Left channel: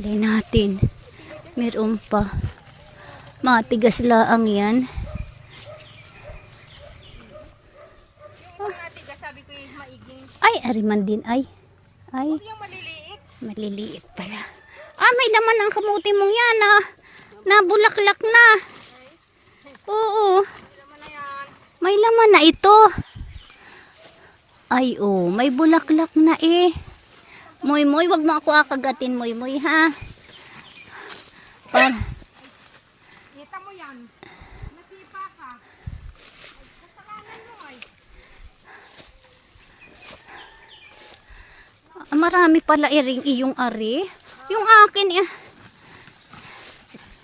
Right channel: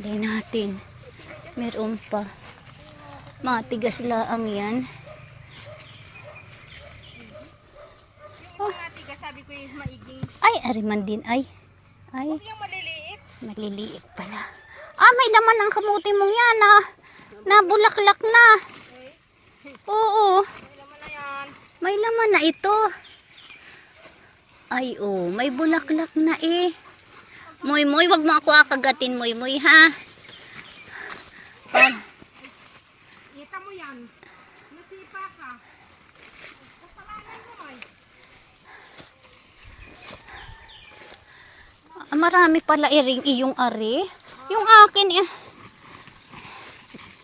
Hindi natin. Meron pa. Matigas laang yan. Yung matigas, sabi ko yung maiging. Ay, ariman din ay. Ay, Huwag yung maliliit. maliliit pala. Ah, may laman ang kamuti mong yan ah. Nabulaklak na. Oo. Ilaman na yan. May laman na ito. Ay, oh, may bulaklak na eh. Moy, moy, wag mo ako akagatin, moy, moy, ha? Kita mo yan. Nasipa ka. Kasalanan mo ay. Marami pala iring iyong ari. Yung akin eh.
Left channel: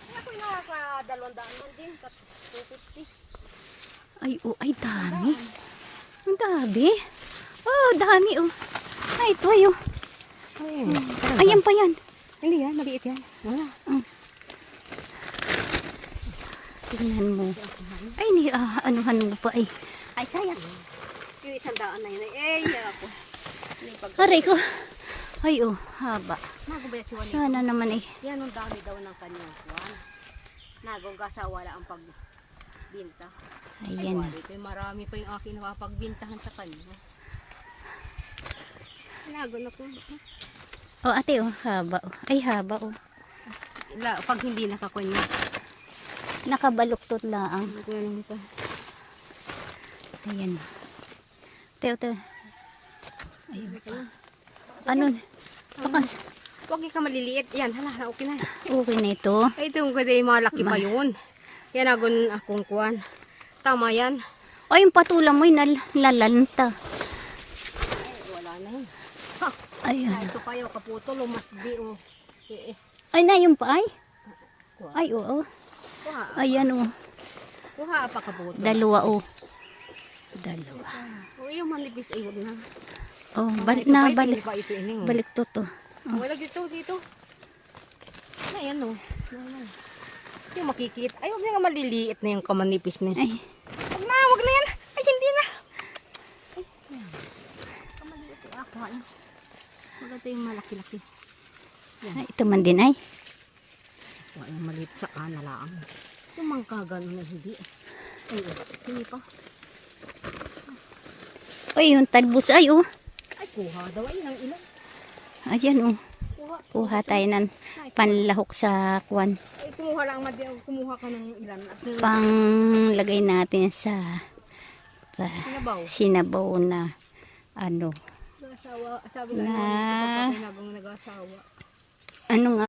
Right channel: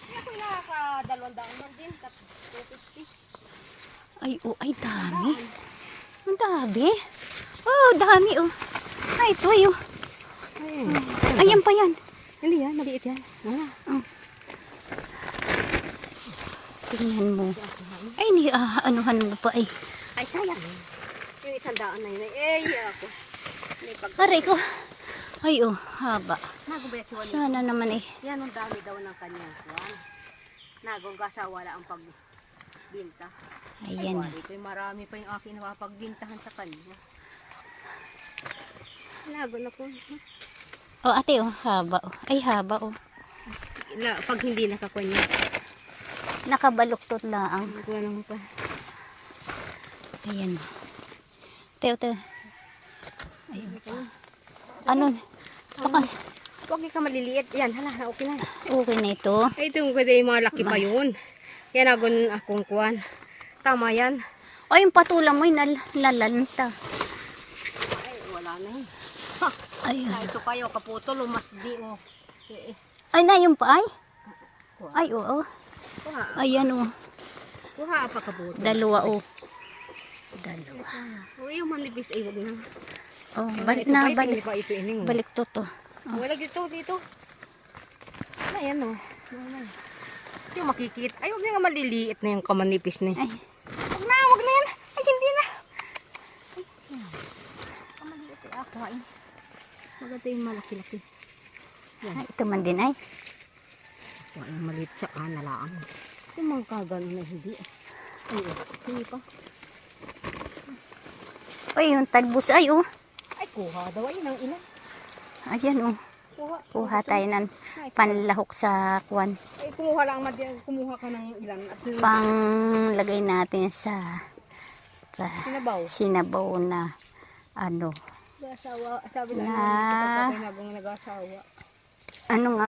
Hindi ako inawa ka 200 man din. 250. Ay, oh, ay, dami. Ang dami. Oh, dami, oh. Ay, ito, ay, oh. Ayan pa yan. Hindi yan, maliit yan. Tingnan mo. Ay, ni, anuhan mo pa, ay. Ay, sayang. Yung 100 na yun. Ako. Aray ko. Ay, oh, haba. Nagubaya si Juanito. Sana naman eh. Yan ang dami daw ng kanyang kuwan. Nagugasa wala ang pagbinta. Ayan. Ay, ito marami pa yung akin napapagbintahan sa kanya. Lago na po. Oh, ate, oh, haba, oh. Ay, haba, oh. Pag hindi nakakunya. Nakabaluktot lang. Ito naman pa. Ayan. Teo, teo. Ayun pa. Ano? Huwag ka maliliit. Yan, hala, okay na. Okay na ito. Ay, ito yung ganda yung malaki pa yun. Yan agon akong kuwan. Tama yan. O, yung patula mo, nalalanta. Ay, wala na eh. Ayun. Na, ito kayo, kaputol o masdi o. Ay, na yung pa, ay? Ay, oo. Kuha. Ayan, oh. Kuha pa kaputol. Dalawa, oh. Dalawa. O, yung manipis ay wag na. Oh, balik na, balik. Ito ining. Balik to, to. Wala dito. Ayan o. Yung makikita. Ay, huwag na nga maliliit na yung kamanipis na. Ay. Huwag na yan. Ay, hindi na. Ay, yan. Kamaliliit ay ako hain. Maganda yung malaki-laki. Ay, ito man din, ay. Wala yung maliit sa kanalaang. Yung mga kagano na hindi. Ay, hindi pa. Ay, yung talbos, ay, oh. Ay, kuha daw. Ay, nang ilan. Ayan, oh. Kuha. Kuha tayo ng panlahok sa kwan. Ay, kumuha lang. Kumuha ka ng ilan. Panglagay natin sa Sinabaw. sinabaw na ano. Nag-asawa. Sabi Na- na. Nag-asawa. Ano nga?